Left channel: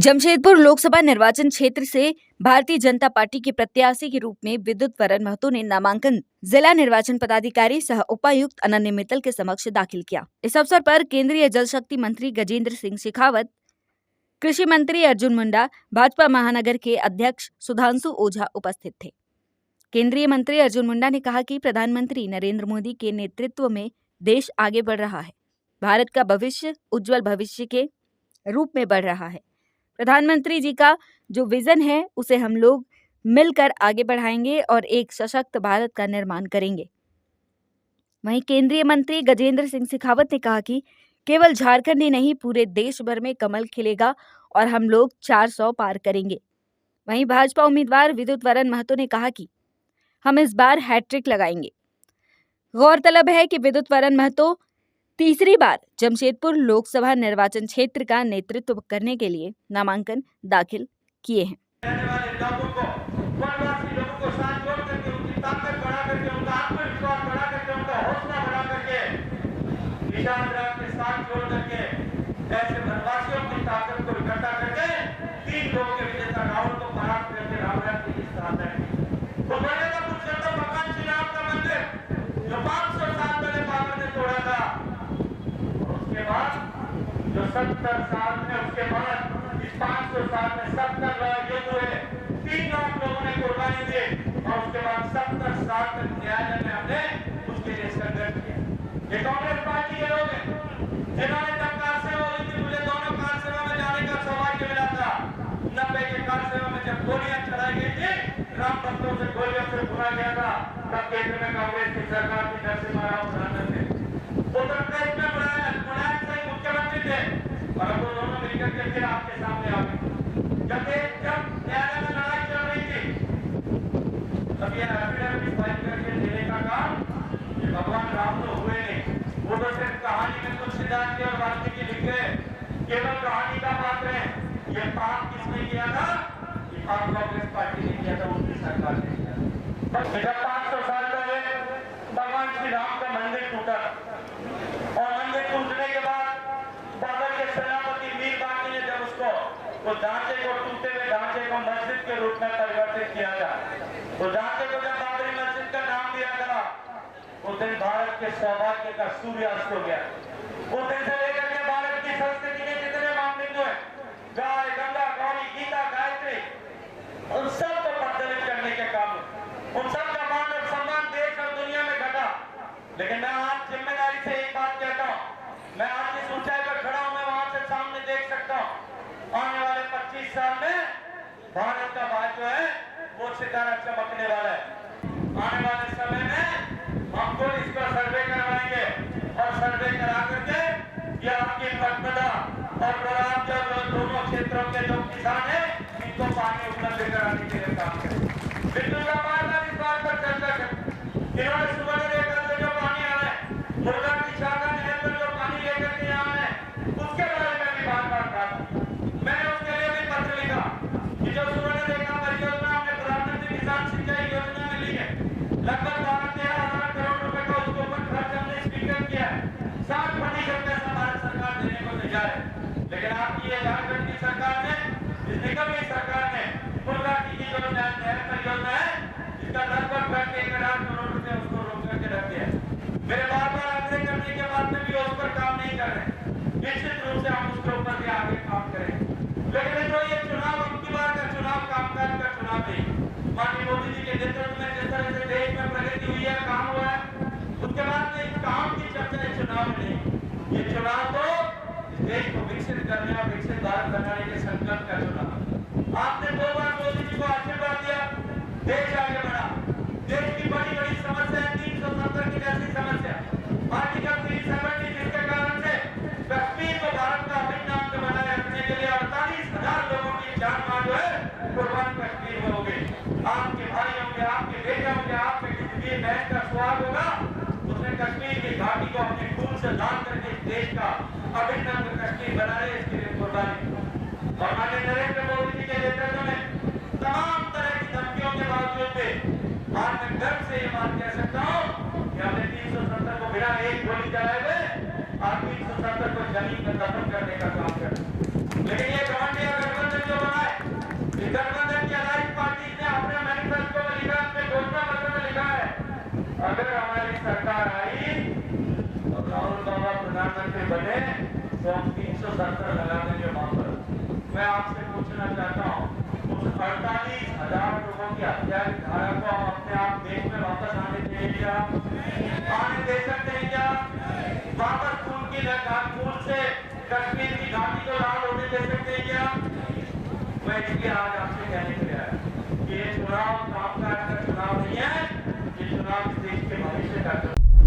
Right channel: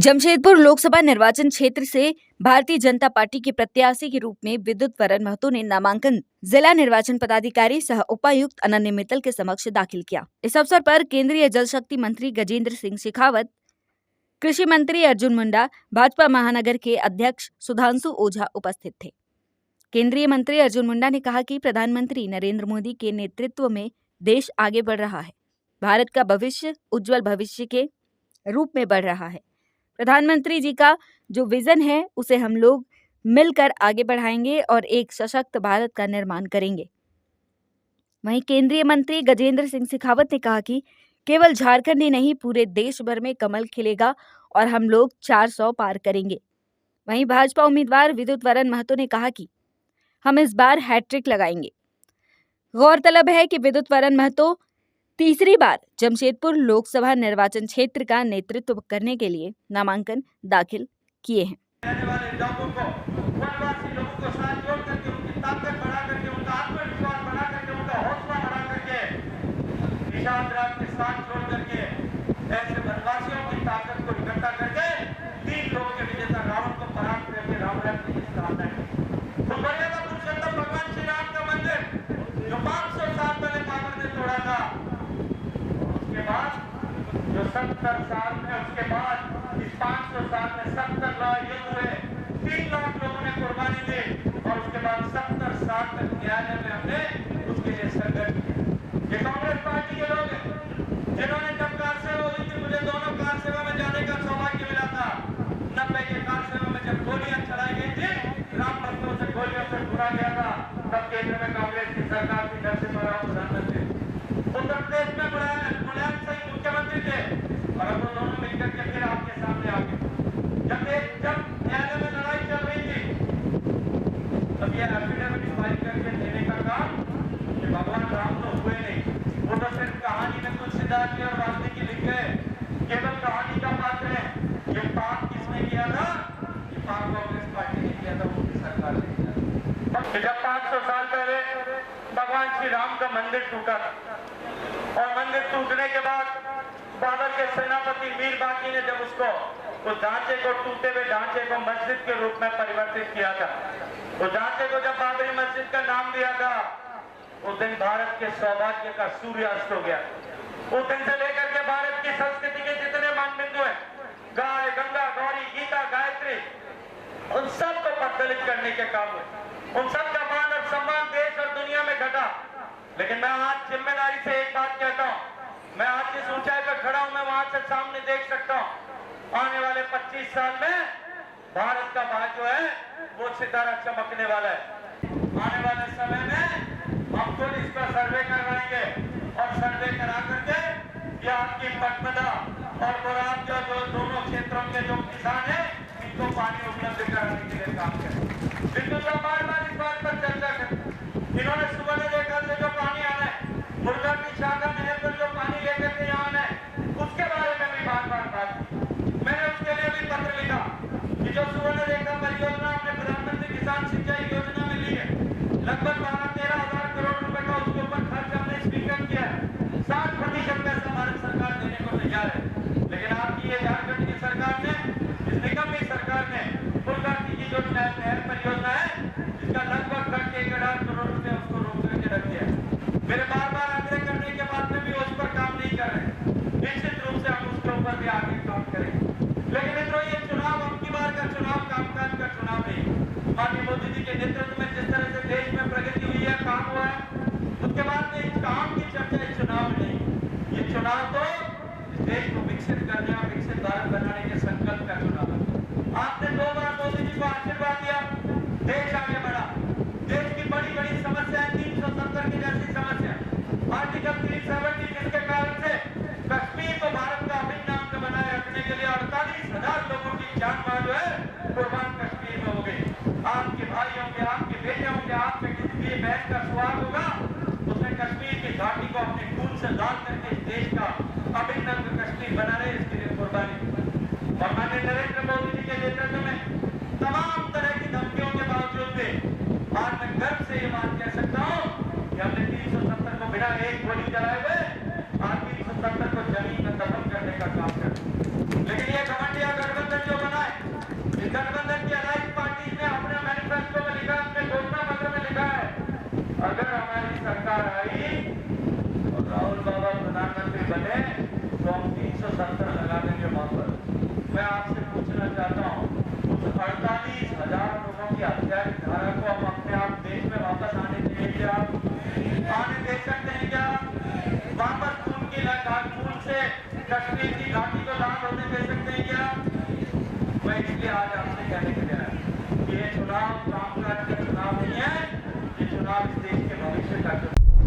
जमशेदपुर लोकसभा निर्वाचन क्षेत्र से भारतीय जनता पार्टी के प्रत्याशी के रूप में विद्युत वरण महतो ने नामांकन जिला निर्वाचन पदाधिकारी सह उपायुक्त अनन्य मित्तल के समक्ष दाखिल किया। इस अवसर पर केंद्रीय जल शक्ति मंत्री गजेंद्र सिंह शेखावत, कृषि मंत्री अर्जुन मुंडा, भाजपा महानगर के अध्यक्ष सुधांशु ओझा उपस्थित थे। केंद्रीय मंत्री अर्जुन मुंडा ने कहा कि प्रधानमंत्री नरेंद्र मोदी के नेतृत्व में देश आगे बढ़ रहा है। भारत का भविष्य उज्जवल भविष्य के रूप में बढ़ रहा है। प्रधानमंत्री जी का जो विजन है उसे हम लोग मिलकर आगे बढ़ाएंगे और एक सशक्त भारत का निर्माण करेंगे। वहीं केंद्रीय मंत्री गजेंद्र सिंह शेखावत ने कहा कि केवल झारखंड ही नहीं, पूरे देश भर में कमल खिलेगा और हम लोग 400 पार करेंगे। वहीं भाजपा उम्मीदवार विद्युत वरण महतो ने कहा कि हम इस बार हैट्रिक लगाएंगे। गौरतलब है कि विद्युत वरण महतो तीसरी बार जमशेदपुर लोकसभा निर्वाचन क्षेत्र का नेतृत्व करने के लिए नामांकन दाखिल किए हैं। ऐसे वनवासियों की ताकत को इकट्ठा करके 3 लोग के विजेता रावण को परास्त करके राम राज्य की स्थापना की। तो मर्यादा पुरुषोत्तम भगवान श्री राम का मंदिर जो 500 साल पहले बाबर ने तोड़ा था, और उसके बाद जो 70 साल में उसके बाद इस 500 साल में 70 युद्ध हुए, 3 लाख लोगों ने कुर्बानी दी और उसके बाद 70 साल तक न्यायालय में हमने उसके लिए संघर्ष किया। ये कांग्रेस पार्टी के लोग हैं जिन्होंने जब कार सेवा हुई थी, मुझे दोनों कार सेवा में जाने का सौभाग्य मिला था। 90 के कार सेवा में जब गोलियां चलाई गई थी, राम भक्तों से गोलियों से भुना गया था, तब केंद्र में कांग्रेस की सरकार थी, नरसिम्हा राव प्रधानमंत्री, उत्तर प्रदेश में मुलायम सिंह मुख्यमंत्री थे और अब वो दोनों मिलकर के फिर आपके सामने आ गए। जब न्यायालय में लड़ाई चल रही थी, तब ये एफिडेविट फाइल करके देने का काम कि भगवान राम तो हुए नहीं, वो तो सिर्फ कहानी में तुलसीदास जी और वाल्मीकि लिख गए, केवल कहानी का पात्र है। ये पाप किसने किया था? ये पाप कांग्रेस पार्टी ने किया था, उनकी सरकार ने किया था। जब 500 साल पहले भगवान श्री राम का मंदिर टूटा और मंदिर टूटने के बाद बाबर के सेनापति वीर बाकी ने जब उसको वो ढांचे को टूटे हुए ढांचे को मस्जिद के रूप में परिवर्तित किया था, वो ढांचे को जब बाबरी मस्जिद का नाम दिया था, उस दिन भारत के सौभाग्य का सूर्यास्त हो गया। उस दिन से लेकर के भारत की संस्कृति के जितने मानबिंदु हैं, गाय, गंगा, गौरी, गीता, गायत्री, उन सब को प्रज्वलित करने के काम में उन सब का मान और सम्मान देश और दुनिया में घटा। लेकिन मैं आज जिम्मेदारी से एक बात कहता हूँ, मैं आज जिस ऊंचाई पर खड़ा हूँ, मैं वहां से सामने देख सकता हूँ आने वाले 25 साल में भारत का भाग्य जो है वो सितारा चमकने वाला है। आने वाले समय में हम खुद इस पर सर्वे करवाएंगे और सर्वे करा करके ये आपकी पटमदा और बराम जो दोनों क्षेत्रों के जो किसान हैं, इनको पानी उपलब्ध कराने के लिए काम करें। बिल्कुल बार-बार इस बात पर चर्चा करें। इन्होंने सुबह रेखा से जो पानी आ रहा है, मुर्गा की शाखा नहर पर जो पानी लेकर के यहाँ है, उसके बारे में भी बार-बार बात की। मैंने उसके लिए भी पत्र लिखा कि जो सुवर्ण रेखा परियोजना हमने प्रधानमंत्री किसान सिंचाई योजना में ली है, लगभग 12-13 हजार करोड़ रुपए का उसके ऊपर खर्च हमने स्वीकार किया है। 60% पैसा भारत सरकार देने को तैयार है। लेकिन आपकी ये झारखंड की सरकार ने, इस निगम की सरकार ने फुलघाटी की जो नहर परियोजना है, जिसका लगभग खर्च 1,000 करोड़ रुपए उसको रोक करके रख दिया है। मेरे बार-बार आग्रह करने के बाद में भी उस पर काम नहीं कर रहे। निश्चित रूप से हम उसके ऊपर भी आगे काम करेंगे। लेकिन मित्रों, ये चुनाव अब की बार का चुनाव कामकाज का चुनाव नहीं। माननीय मोदी जी के नेतृत्व में जिस तरह से देश में प्रगति हुई है, काम हुआ है, उसके बाद में इस काम की चर्चा इस चुनाव में नहीं। ये चुनाव तो इस देश को विकसित करने और विकसित भारत बनाने के संकल्प का चुनाव है। आपने 2 बार मोदी जी को आशीर्वाद दिया, देश आगे बढ़ा। देश की बड़ी-बड़ी समस्या है, 370 की जैसी समस्या, आर्टिकल 370 जिसके कारण से कश्मीर को भारत का अभिन्न अंग बनाए रखने के लिए 48,000 लोगों की जान मां जो है कुर्बान कश्मीर में हो गई। आपके भाई होंगे, आपके बेटे होंगे, आप में किसी भी बहन का सुहाग होगा, उसने कश्मीर की घाटी को अपने खून से लाल करके इस देश का अभिन्न अंग कश्मीर बना रहे, इसके लिए कुर्बानी। और माननीय नरेंद्र मोदी जी के नेतृत्व में तमाम तरह की धमकियों के बावजूद भी आज मैं गर्व से ये बात कह सकता हूँ कि हमने 370 को बिना एक गोली चलाए हुए आज 370 को जमीन में दफन करने का काम कर। लेकिन ये घमंडिया गठबंधन प्रधानमंत्री बने तो हम 370 लगा देंगे वहां पर। मैं आपसे पूछना चाहता हूँ, उस 48,000 लोगों की हत्या की धारा को हम अपने आप देश में वापस आने देंगे क्या? आने दे सकते हैं क्या? वापस खून की खून से कश्मीर की घाटी को लाल होने दे सकते हैं क्या? मैं इसलिए आज आपसे कहने के लिए आया कि ये चुनाव कामकाज का चुनाव नहीं है, ये चुनाव इस देश के भविष्य का चुनाव